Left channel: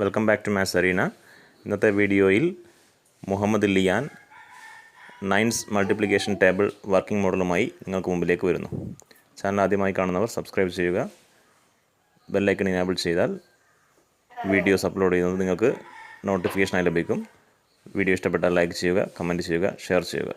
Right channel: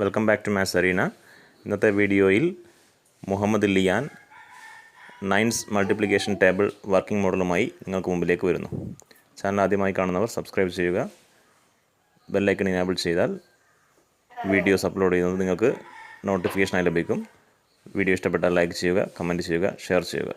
Welcome back to maths arena. ഇന്നത്തെ വീഡിയോയിൽ Muhammad Liyan 9's multiplication table working മോഡലുമായി നിങ്ങൾക്ക് മുമ്പിലേക്ക് വരുന്നു. ചാനൽ ആദ്യമായി കാണുന്നവർ സബ്സ്ക്രൈബ് ചെയ്യുക. ബെല്ലൈക്കൺ ഇനേബിൾ ചെയ്താൽ വീഡിയോസ് അപ്ലോഡ് ചെയ്യുന്നത് നിങ്ങൾക്ക് നോട്ടിഫിക്കേഷനായി ലഭിക്കും. വീഡിയോ ഇഷ്ടപ്പെട്ടാൽ ലൈക്ക് ചെയ്യുക, കമൻറ്റ് ചെയ്യുക, ഷെയർ ചെയ്യുക.